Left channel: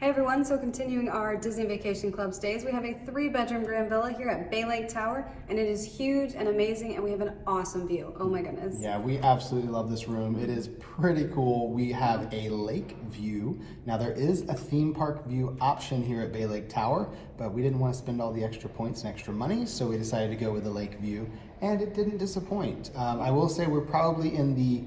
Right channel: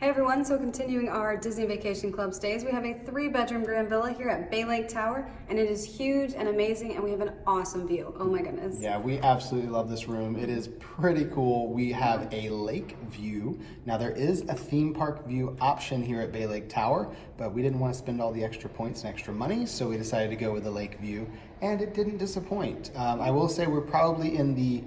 Hey everyone, so continuing our Disney Vacation Club stays, we have a 3-bedroom grand villa here at Bay Lake Tower, and it is huge and amazing, and we have an awesome view. Oh my goodness. Yeah, we absolutely love this room. It is pretty cool. We have a lake view. Now there is a theme park view option here at Bay Lake Tower, but we didn't want to spend all the extra points and extra money, so we decided to go with the lake view, and it didn't disappoint. I will say we're probably in the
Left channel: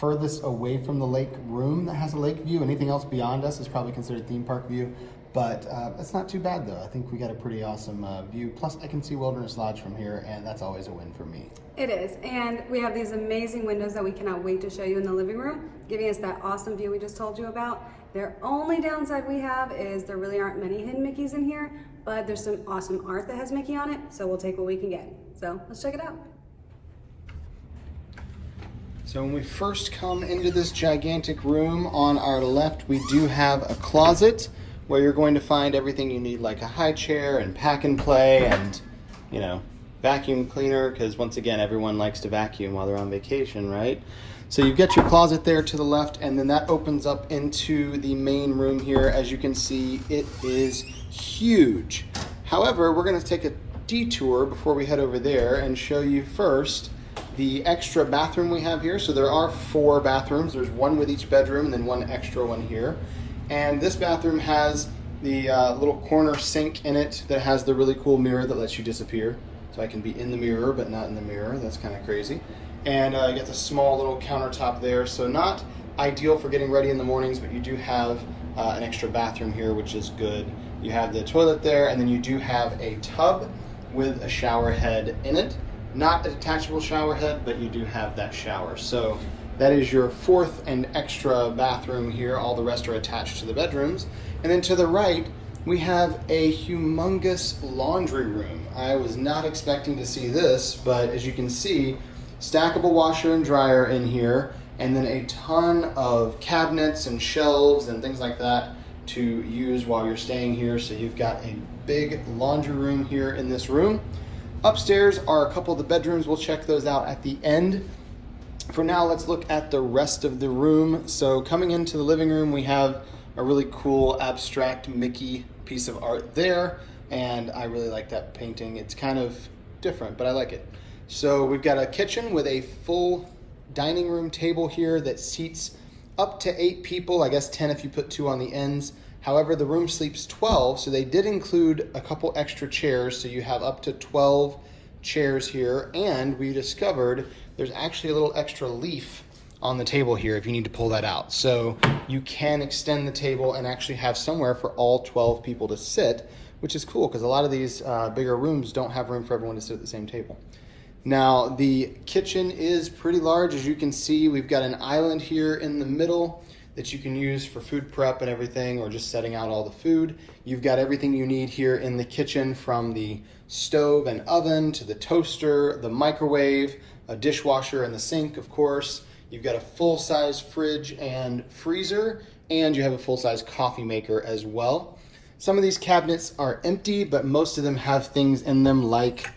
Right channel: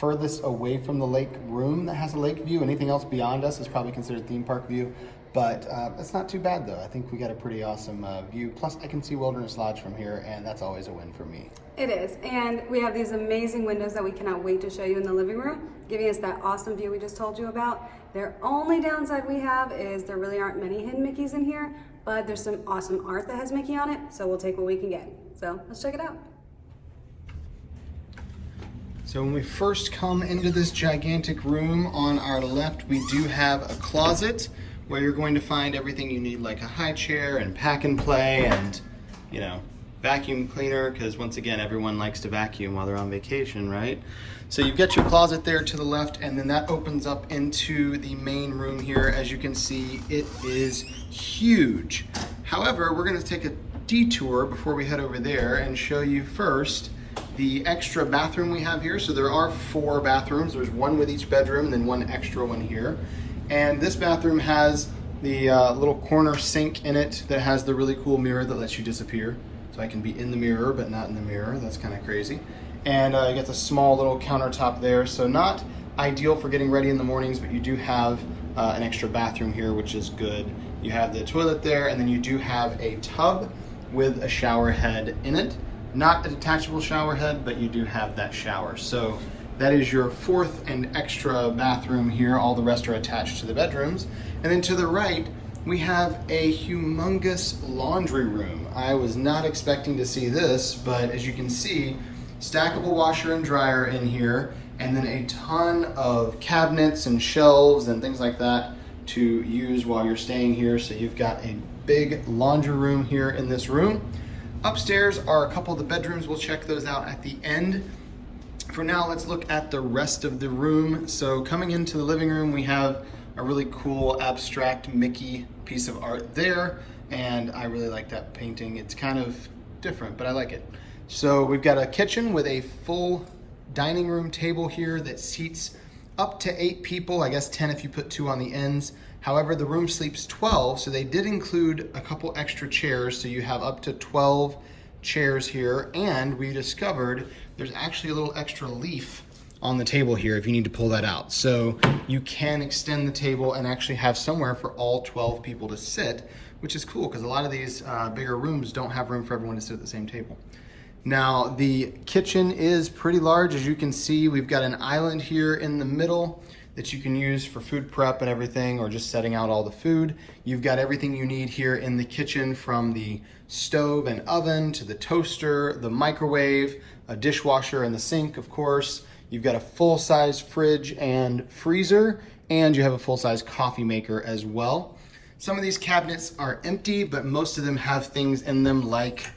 furthest away from the lake room that has a lake view. Anything else beyond us is probably considered theme park view, but it's not too bad though. I think we got a pretty awesome view. Plus I can see Wilderness Lodge from here, and that's always a win for me. It is, and we have these amazing windows that we cannot wait to show you in the living room, giving us that awesome view we just told you about. The only downside we have is there really aren't many hidden Mickeys in here, but there's some awesome art that has Mickey on it, so we'll take what we can get. So let's check it out. So when we first come into this gigantic room, on our left we do have a closet where you're going to find everything you need, like a high chair and pack and play and, you know, vacuum cleaner, because once again everyone likes to vacuum while they're on vacation, right? So you've got your closet there to the left, and then that opens up into the main room here. As you can see, it is huge. However, we're going to take a detour before we head over there and show you first the extra bathroom we have here. So there are 4 bathrooms. There's one with each bedroom, then one extra one here. And this bathroom has the little corner sink in it that has the really cool mirror that lets you disappear. So I can be in the mirror, but not in the mirror. That's kind of crazy. And you got a small little countertop there. So not ideal for getting ready in the mornings, but you do have an extra bathroom here, which is good. You have the toilet there, and then you do have a tub with a shower head in it. Not a detachable shower head, but you do have that shower. So that is your 4th and extra bathroom here. All the rest are attached to the bedrooms. And then to the right, we have a humongous laundry room. I was not expecting to see this, but as you can see, stackable washer and dryer in here, and then a ton of cabinets and shelves and things like that to use while you're staying here. So you've got a big laundry room here in this room. Upstairs are a couple of the bedrooms. We'll check those out at the end. For now, let's look at the rest of the room. So coming into the living room, we have a really cool abstract Mickey piece of art there, and I really like that painting. It's kind of different, but I like it. So we've got a kitchen with a full dining room table here that seats up to 8 people, I guess 10 if you put 2 on the ends. However, the room sleeps 12, so they did include a couple extra chairs, so you have up to 12 chairs here. And we discovered there's actually a little extra leaf on the table here if you need to pull that out. So you can extend the table and actually have somewhere for all 12 people to sit, which is cool because a lot of these bigger rooms don't have room for everyone to sit at the same table. Now, the kitchen is pretty large. As you can see, we've got an island here in the middle that you can use for food prep and everything, or just setting out all the food. You've got everything you need here in the kitchen, from the stove and oven to the toaster, the microwave, a dishwasher, and the sink, of course. You've got a full-size fridge and freezer, and you have a full-size coffee maker as well. Some of these cabinets are empty, but most of them have things in them like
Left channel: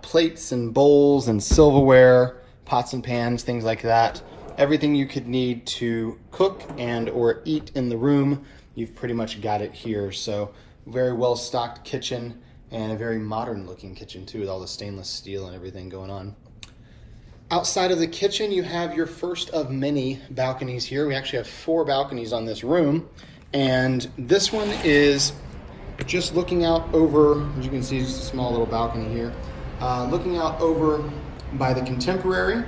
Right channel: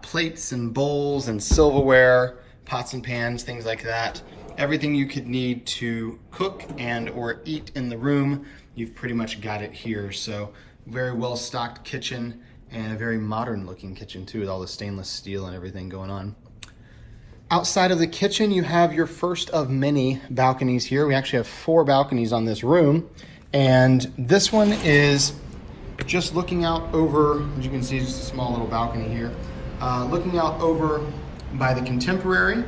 plates and bowls and silverware, pots and pans, things like that. Everything you could need to cook and or eat in the room, you've pretty much got it here. So very well stocked kitchen, and a very modern looking kitchen too, with all the stainless steel and everything going on. Outside of the kitchen, you have your first of many balconies here. We actually have 4 balconies on this room, and this one is just looking out over, as you can see, just a small little balcony here, looking out over by the Contemporary.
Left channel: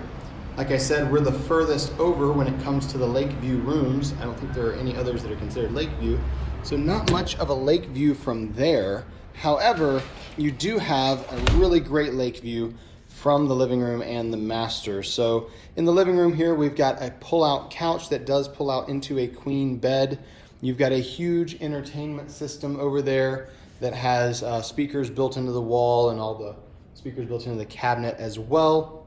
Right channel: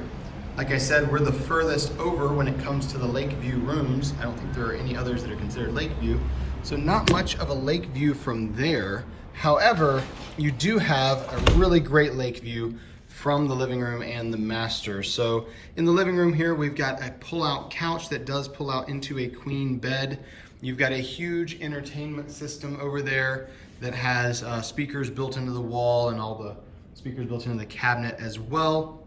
Like I said, we're the furthest over when it comes to the lake view rooms. I don't think there are any others that are considered lake view. So not much of a lake view from there. However, you do have a really great lake view from the living room and the master. So in the living room here, we've got a pull-out couch that does pull out into a queen bed. You've got a huge entertainment system over there that has speakers built into the wall, and all the speakers built into the cabinet as well.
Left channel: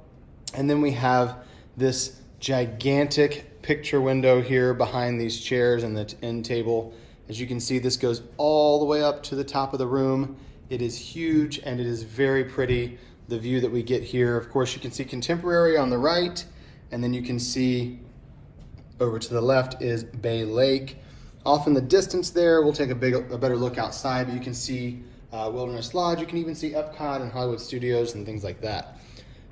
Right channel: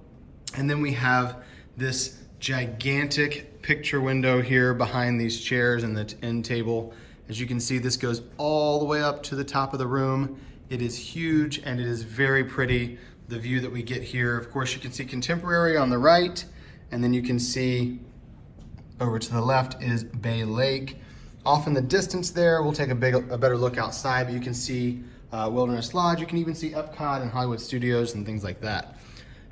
And then we have this gigantic picture window here behind these chairs and the end table. As you can see, this goes all the way up to the top of the room. It is huge and it is very pretty, the view that we get here. Of course, you can see Contemporary on the right, and then you can see over to the left is Bay Lake. Off in the distance there, we'll take a better look outside, but you can see Wilderness Lodge. You can even see Epcot and Hollywood Studios and things like that.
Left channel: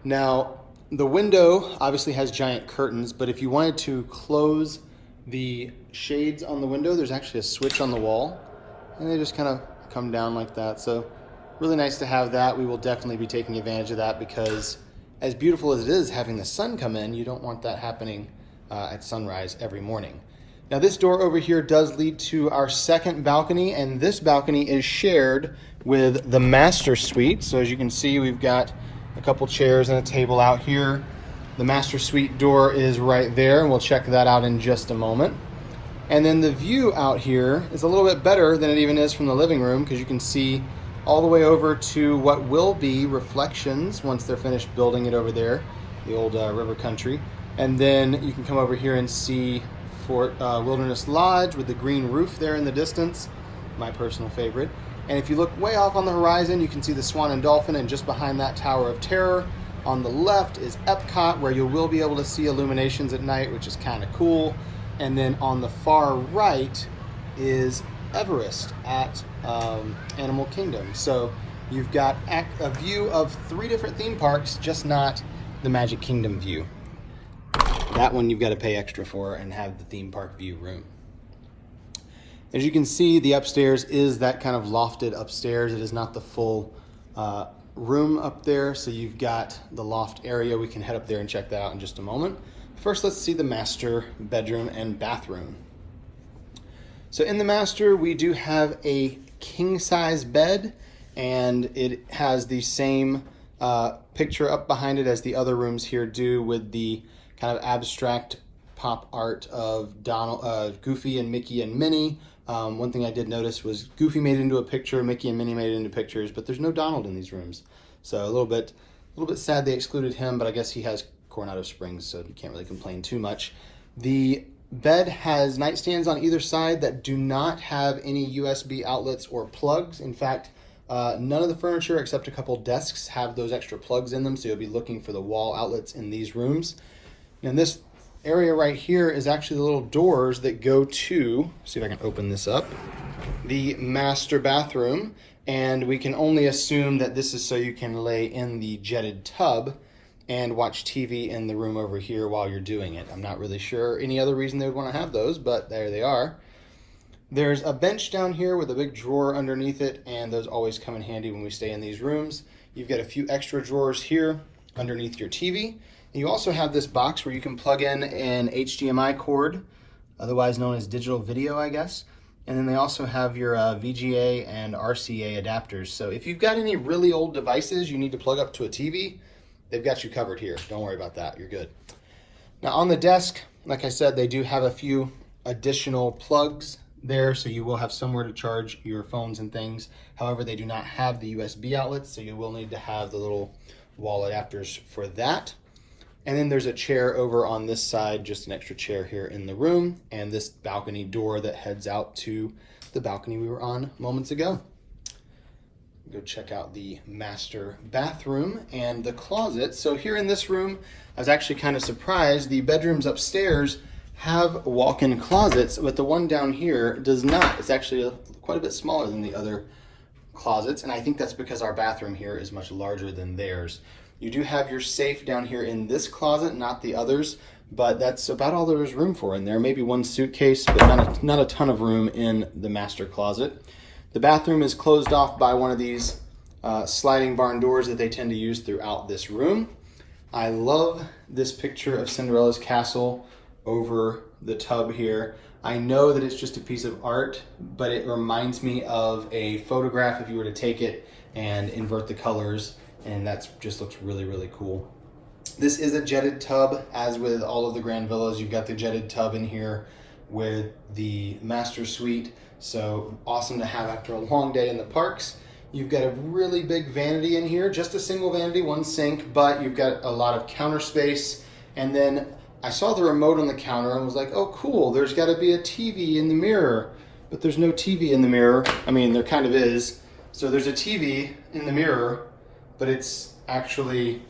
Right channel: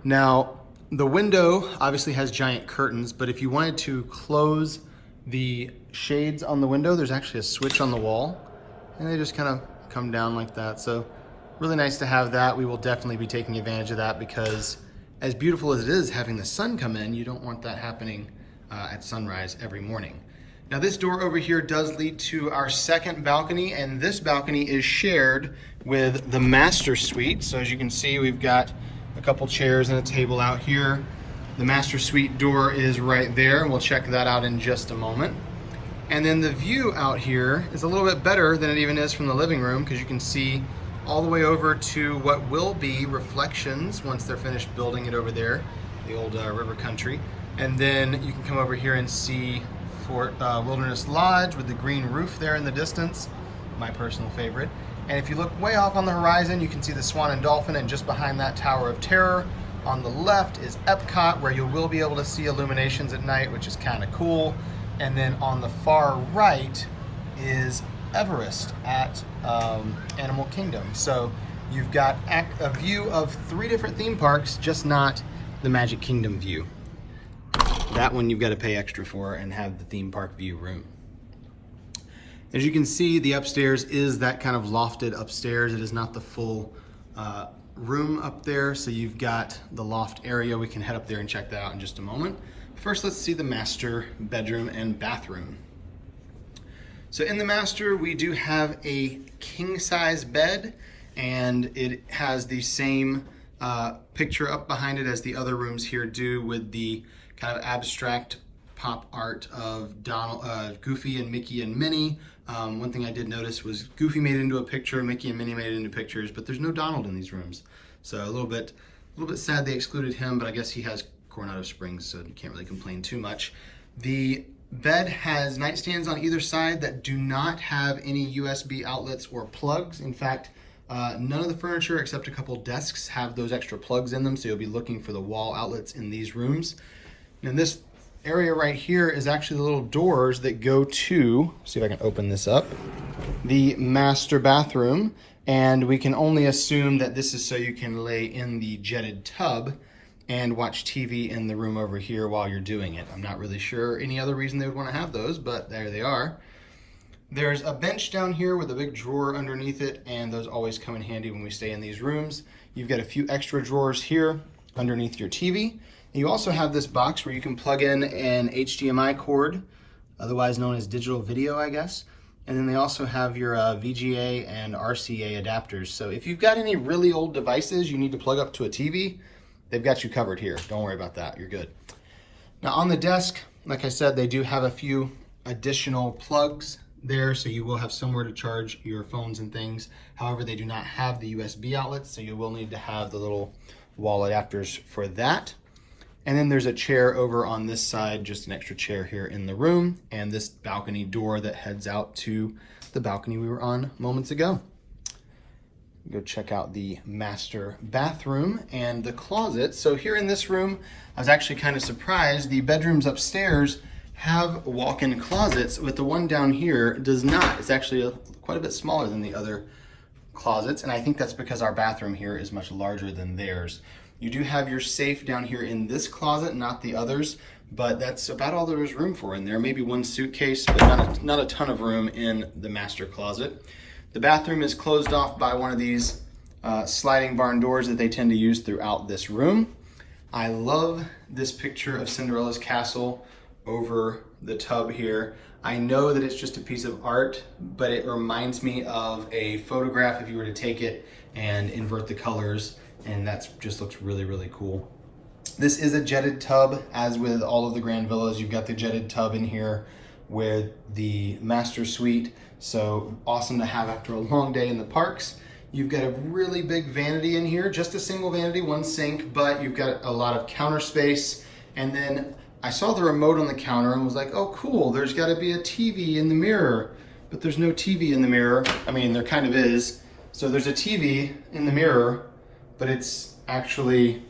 Now, the window obviously has giant curtains, but if you wanted to close the shades on the window, there's actually a switch on the wall, and they just kind of come down like that. So really nice to have that. We will definitely be taking advantage of that because as beautiful as it is having the sun come in, you don't want that happening at sunrise every morning. Now this door over here does lead to our second balcony, and this balcony is shared with the master suite. So as you can see, we've got a couple chairs and a table out here. The master suite door is right there, and we'll check that out in just a moment. And then the view out here is a little bit better than it even is from the living room, because you can see all the way over to what will be Reflections once they're finished building it over there, the old river country. And then you can come over here and see Fort Wilderness Lodge with the green roof there in the distance, my personal favorite. And if you look way off on the horizon, you can see the Swan and Dolphin, and just behind that, Tower of Terror. On the left is Epcot, where you will be able to see illuminations at night, which is kind of cool. And then on the far right is Everest at Animal Kingdom. So you've got a view of 3 different theme parks, just not the Magic Kingdom view. That one you've got to pay extra for and have the theme park view room. As you can see, the upstairs is that kind of lofted upstairs. It is not the full room up there. So you've got the loft area. We can head up there and check that out in just a moment. First, let's see the master bedroom and bathroom. So in the master, we do have a king size bed, and it has the same picture up behind it as the other rooms here do, with the kind of abstract pop art of Goofy and Mickey and Minnie. One thing I did notice was Goofy made it into a picture, Mickey and Minnie made it into pictures, but there's no Donald in these rooms. So a little bit sad they excluded him, but I guess he has Coronado Springs, so you can't really complain too much. The bed has nightstands on either side that do not have any USB outlets or plugs. In fact, none of the furniture except a couple desks have those extra plugs in them, so you'll be looking for the wall outlets in these rooms. And this area right here is actually the little doors that go to, see if I can open this up, the master bathroom. And we can only assume that this is so you can lay in the jetted tub and watch TV in the room over here while you're doing it. I'm not really sure any other reason they would want to have those, but there they are. There's a bench down here with a big drawer underneath it, and those always come in handy when we stay in these rooms. You've got a few extra drawers here underneath your TV. You also have this box where you can plug in an HDMI cord, otherwise known as digital video, I guess. And then they also have your VGA and RCA adapters. So if you've got any really old devices you need to plug up to a TV, they've got you covered here. Don't worry about that, you're good. Now on the desk, like I said, they do have a few additional plugs there, so you will have somewhere to charge your phones and things. However, they do not have the USB outlets, so you will need to have the little wall adapters for that. And then there's a chair over on this side, just an extra chair here in the room, and this balcony door that heads out to the balcony we were on moments ago. Go check out the master bathroom and the closet. So here in this room, I was actually kind of surprised. The bedrooms upstairs have walk-in closets, but the one down here does not. It's actually quite a bit smaller than the other closets, and I think that's because our bathroom here is much larger than theirs. You do have your safe down here in this closet, not the others, but that's about all there is room for in there. Maybe one suitcase, but not a ton of room in the master closet. The bathroom is closed off by one of these sliding barn doors that they tend to use throughout this room. I love this picture of Cinderella's castle over the tub here. I know that it's just a piece of art, but it reminds me of a photograph if you were to take it and invert the colors, and that just looks really, really cool. This is a jetted tub, as with all of the Grand Villas. You've got the jetted tub in here with the master suite, so awesome to have after a long day in the parks. You've got a really big vanity in here, just a single vanity, one sink, but you've got a lot of counter space. And then I saw the remote on the counter and was like, oh cool, there's gotta be a TV in the mirror, but there's no TV in the mirror. I mean, there kind of is. So there's a TV in the mirror, but it's actually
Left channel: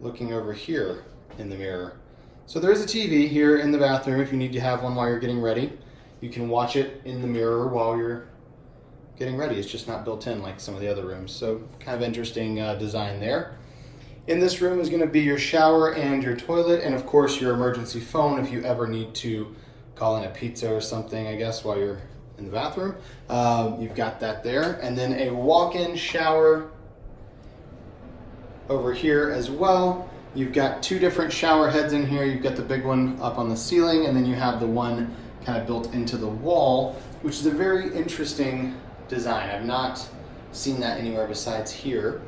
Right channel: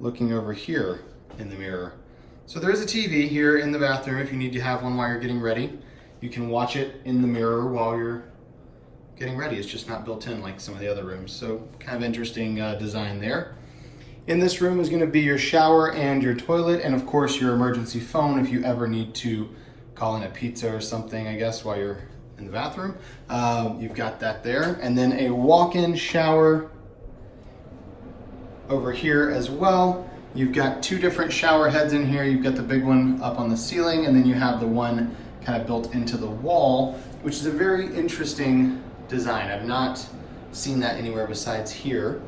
looking over here in the mirror. So there is a TV here in the bathroom if you need to have one while you're getting ready. you can watch it in the mirror while you're getting ready. It's just not built in like some of the other rooms. So kind of interesting design there. In this room is going to be your shower and your toilet, and of course your emergency phone if you ever need to call in a pizza or something, I guess, while you're in the bathroom. You've got that there. And then a walk-in shower over here as well. You've got two different shower heads in here. You've got the big one up on the ceiling, and then you have the one kind of built into the wall, which is a very interesting design. I've not seen that anywhere besides here.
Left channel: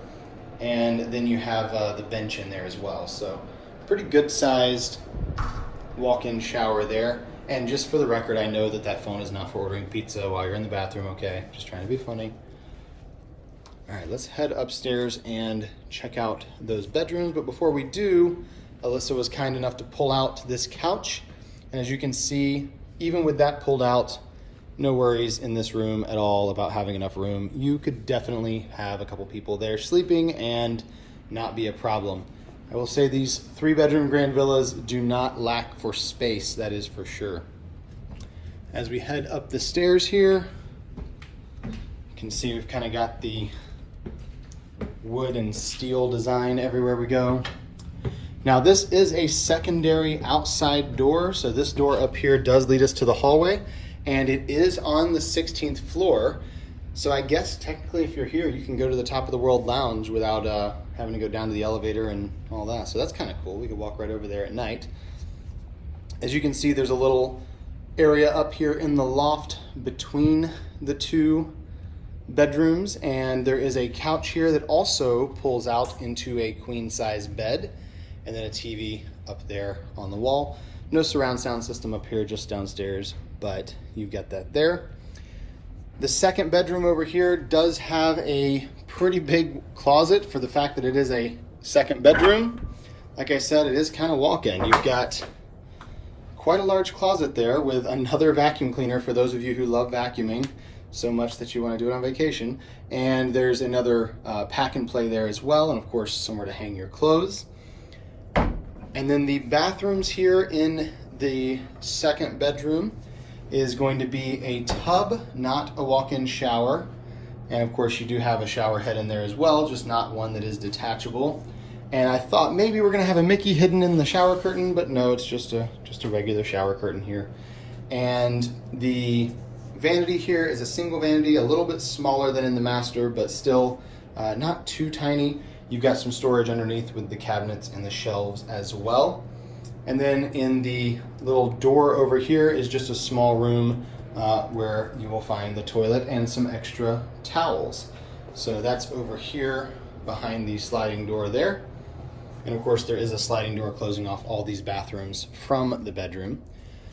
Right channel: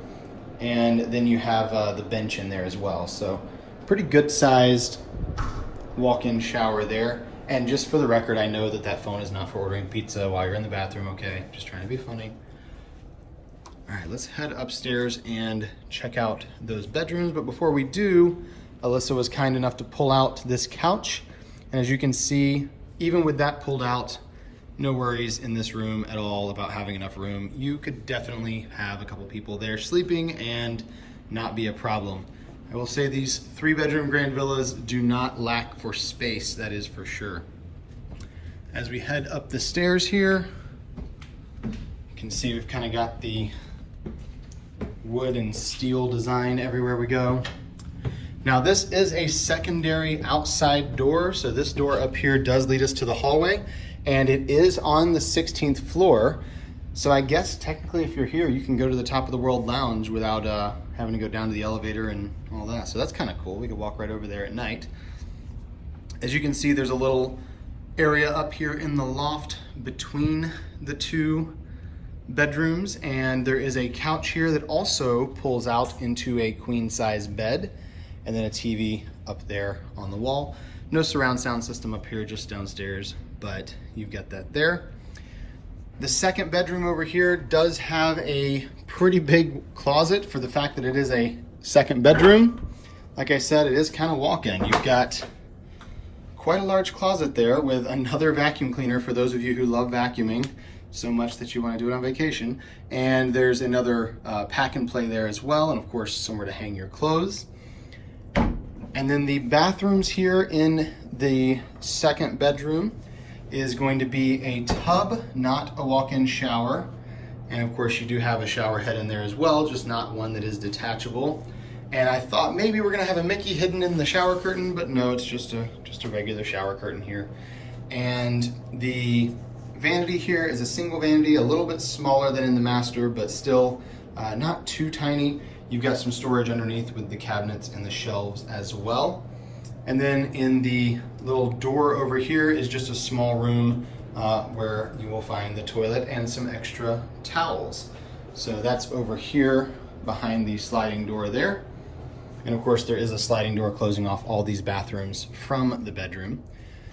And then you have the bench in there as well. So pretty good sized walk-in shower there. And just for the record, I know that that phone is not for ordering pizza while you're in the bathroom, okay? Just trying to be funny. All right, let's head upstairs and check out those bedrooms. But before we do, Alyssa was kind enough to pull out this couch. And as you can see, even with that pulled out, no worries in this room at all about having enough room. You could definitely have a couple people there sleeping and not be a problem. I will say these 3-bedroom grand villas do not lack for space, that is for sure. As we head up the stairs here, you can see we've kind of got the wood and steel design everywhere we go. Now this is a secondary outside door, so this door up here does lead us to the hallway, and it is on the 16th floor. So I guess technically if you're here, you can go to the Top of the World Lounge without having to go down to the elevator and all that. So that's kind of cool. We could walk right over there at night. As you can see, there's a little area up here in the loft between the two bedrooms, and there is a couch here that also pulls out into a queen size bed, and then a TV up there on the wall. No surround sound system up here, just downstairs, but you've got that there. The second bedroom over here does have a pretty big closet for the fact that it is a second bedroom. Like I said, it is kind of walk-in. You've got quite a large closet there with another vacuum cleaner for those of you who love vacuuming so much that you want to do it on vacation. And there's another pack and play there as well, and of course somewhere to hang your clothes. And then the bathrooms here in the second bedroom is going to be a tub, not a walk-in shower. And of course you do have a shower head in there as well, just not one that is detachable. And I thought maybe we're gonna have a Mickey hidden in the shower curtain, but no, it's just a regular shower curtain here. And the vanity here is a single vanity, a little bit smaller than in the master, but still not too tiny. You've got some storage underneath with the cabinets and the shelves as well. And then in the little door over here is just a small room where you will find the toilet and some extra towels. So that's over here behind the sliding door there. And of course there is a sliding door closing off all these bathrooms from the bedroom.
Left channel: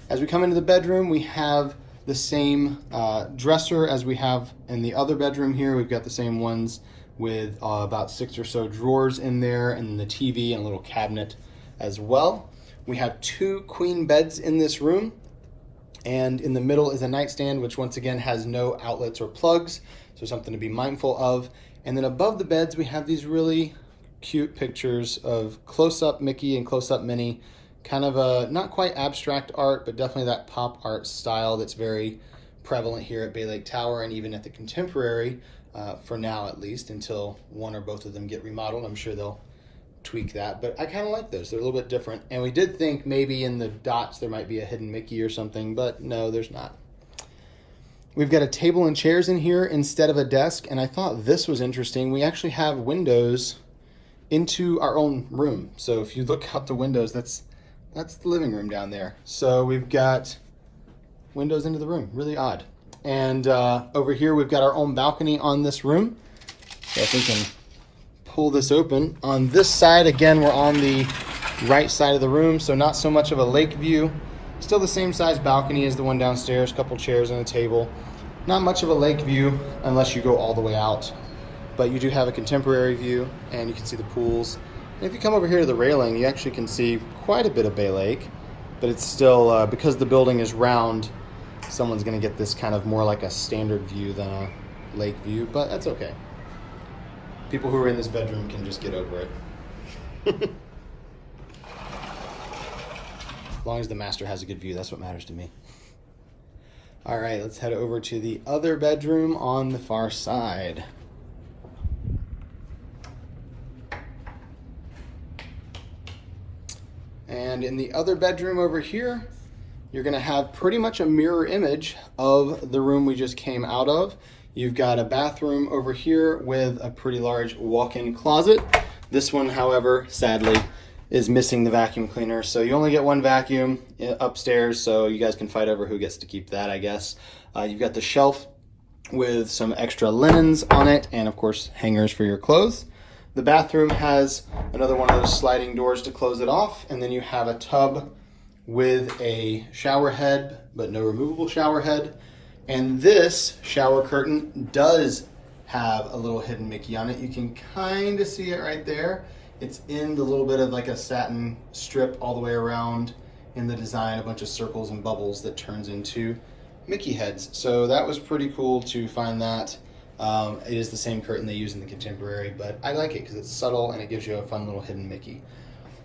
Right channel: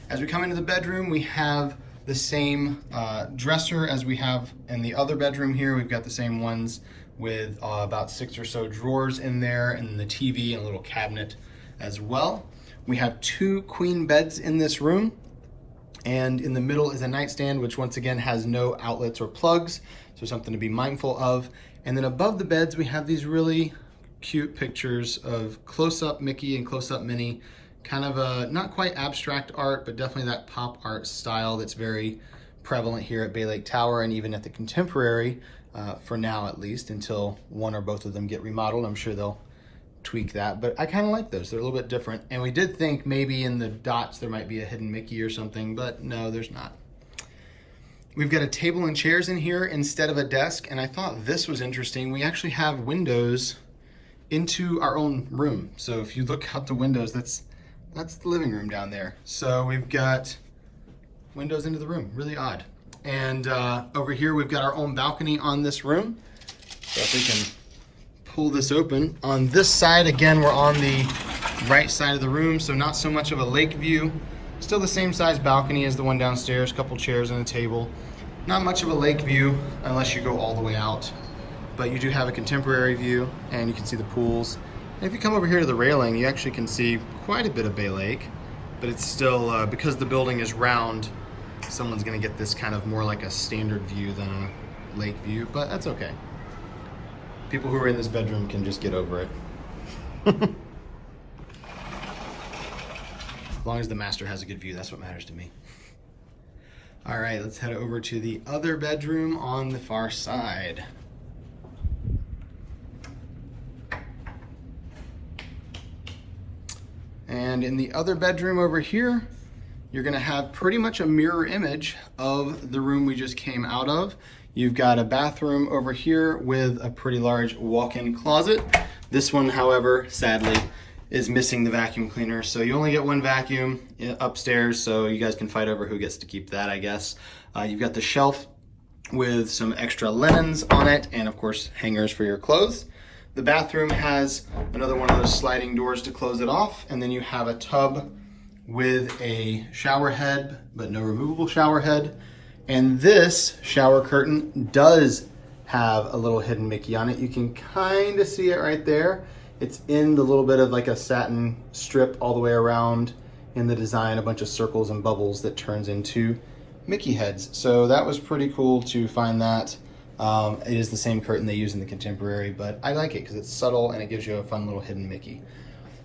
As we come into the bedroom, we have the same dresser as we have in the other bedroom here. We've got the same ones with about 6 or so drawers in there, and the TV and a little cabinet as well. We have 2 queen beds in this room, and in the middle is a nightstand, which once again has no outlets or plugs, so something to be mindful of. And then above the beds, we have these really cute pictures of close-up Mickey and close-up Minnie, kind of a not quite abstract art, but definitely that pop art style that's very prevalent here at Bay Lake Tower and even at the Contemporary, for now at least, until one or both of them get remodeled. I'm sure they'll tweak that, but I kind of like those. They're a little bit different. And we did think maybe in the dots there might be a hidden Mickey or something, but no, there's not. We've got a table and chairs in here instead of a desk, and I thought this was interesting. We actually have windows into our own room. So if you look out the windows, that's the living room down there. So we've got windows into the room, really odd. And over here, we've got our own balcony on this room. So if we can pull this open. On this side, again, we're on the right side of the room, so not so much of a lake view. Still the same size balcony as the one downstairs, couple chairs and a table. Not much of a lake view unless you go all the way out. But you do have a Contemporary view, and you can see the pools. And if you come over here to the railing, you actually can see quite a bit of Bay Lake, but it's still, because the building is round, someone's gonna get this kind of more like a standard view than a lake view, but that's okay. People who are in this bedroom can just get over it. As long as the master has a good view, that's what matters to me. All right, let's head over to the other bedroom on the far side. And in the other bedroom over here, you're gonna have pretty much a mirror image of the room we just came out of. You've got a bathroom over here with a pretty large walk-in closet. This one, however, sadly, is missing the vacuum cleaner. So you only get one vacuum upstairs, so you guys can fight over who gets to keep that, I guess. You've got the shelf with some extra linens on it, and of course, hangers for your clothes. The bathroom has another one of those sliding doors to close it off, and then you have a tub with a shower head, but no removable shower head. And this shower curtain does have a little hidden Mickey on it. You can kind of see it right there. It's in the little bit of like a satin strip all the way around in the design, a bunch of circles and bubbles that turns into Mickey heads. So that was pretty cool to find that. It is the same curtain they use in the Contemporary, but I like it because it's subtle and it gives you a fun little hidden Mickey.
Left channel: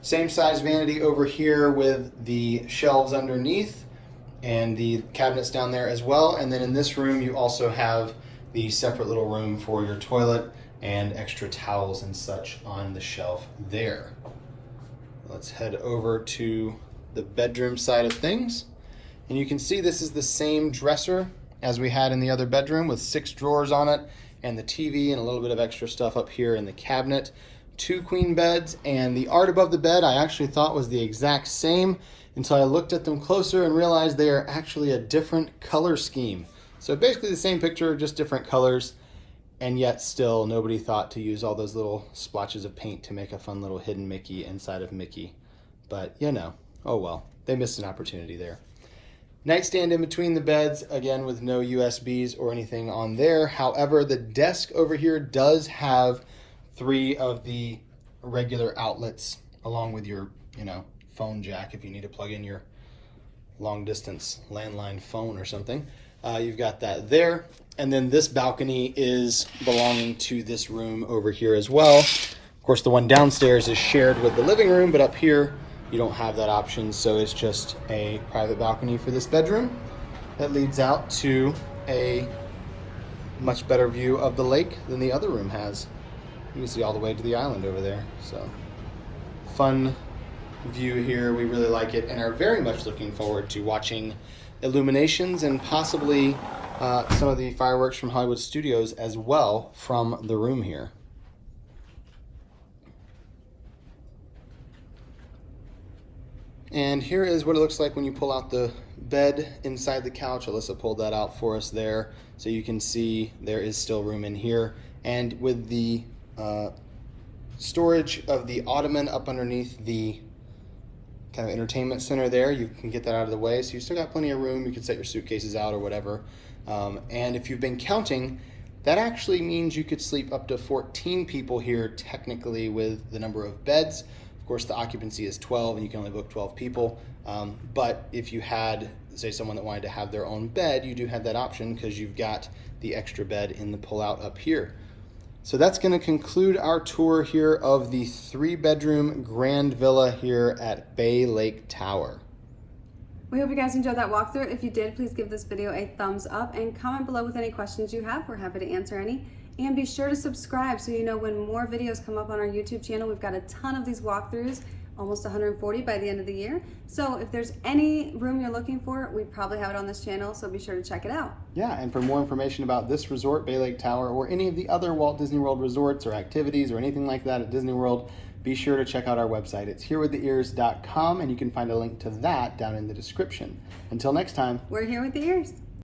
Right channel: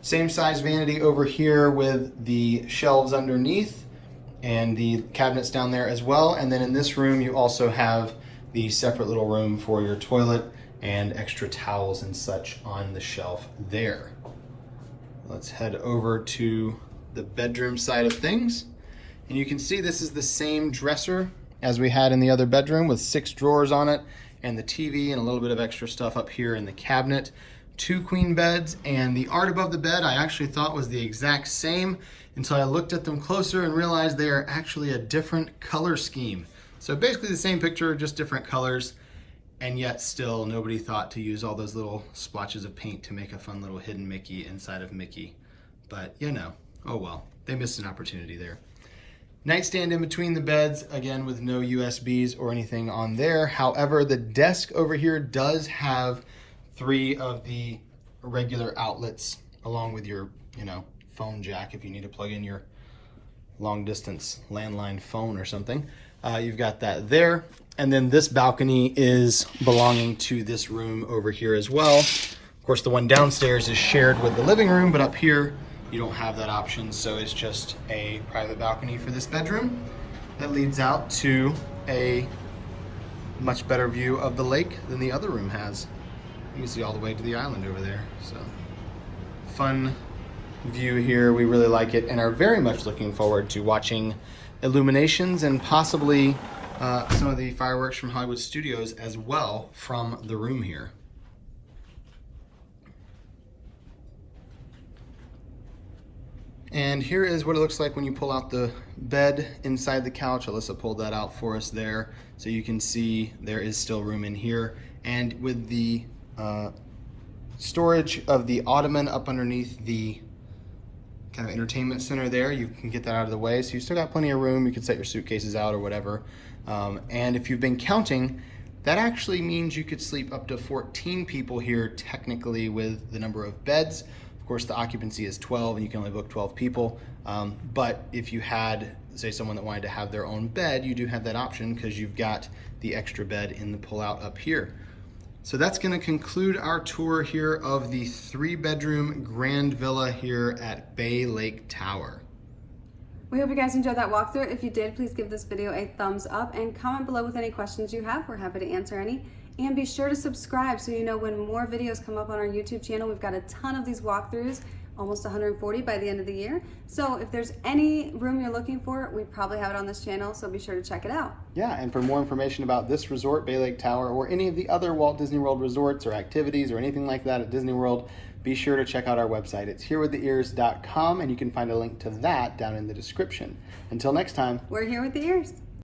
Same size vanity over here with the shelves underneath and the cabinets down there as well. And then in this room, you also have the separate little room for your toilet and extra towels and such on the shelf there. Let's head over to the bedroom side of things. And you can see this is the same dresser as we had in the other bedroom with 6 drawers on it and the TV and a little bit of extra stuff up here in the cabinet. 2 queen beds, and the art above the bed I actually thought was the exact same until I looked at them closer and realized they are actually a different color scheme. So basically the same picture, just different colors, and yet still nobody thought to use all those little splotches of paint to make a fun little hidden Mickey inside of Mickey. But you know, oh well, they missed an opportunity there. Nightstand in between the beds, again with no USBs or anything on there. However, the desk over here does have 3 of the regular outlets along with your, phone jack if you need to plug in your long distance landline phone or something. You've got that there. And then this balcony is belonging to this room over here as well. Of course, the one downstairs is shared with the living room, but up here you don't have that option. So it's just a private balcony for this bedroom that leads out to a much better view of the lake than the other room has. You can see all the way to the island over there. So fun view here. We really like it and are very much looking forward to watching illuminations and possibly some of the fireworks from Hollywood Studios as well from the room here. And here is what it looks like when you pull out the bed inside the couch. Alyssa pulled that out for us there. So you can see there is still room in here. And with the storage of the ottoman up underneath the kind of entertainment center there, you can get that out of the way. So you still got plenty of room. You can set your suitcases out or whatever. And if you've been counting, that actually means you could sleep up to 14 people here technically with the number of beds. Of course, the occupancy is 12 and you can only book 12 people. But if you had, say, someone that wanted to have their own bed, you do have that option because you've got the extra bed in the pullout up here. So that's going to conclude our tour here of the 3-bedroom grand villa here at Bay Lake Tower. We hope you guys enjoyed that walkthrough. If you did, please give this video a thumbs up and comment below with any questions you have. We're happy to answer any. And be sure to subscribe so you know when more videos come up on our YouTube channel. We've got a ton of these walkthroughs, almost 140 by the end of the year. So if there's any room you're looking for, we probably have it on this channel, so be sure to check it out. Yeah, and for more information about this resort, Bay Lake Tower, or any of the other Walt Disney World resorts or activities or anything like that at Disney World, be sure to check out our website. It's herewiththeears.com, and you can find a link to that down in the description. Until next time. We're here with the ears.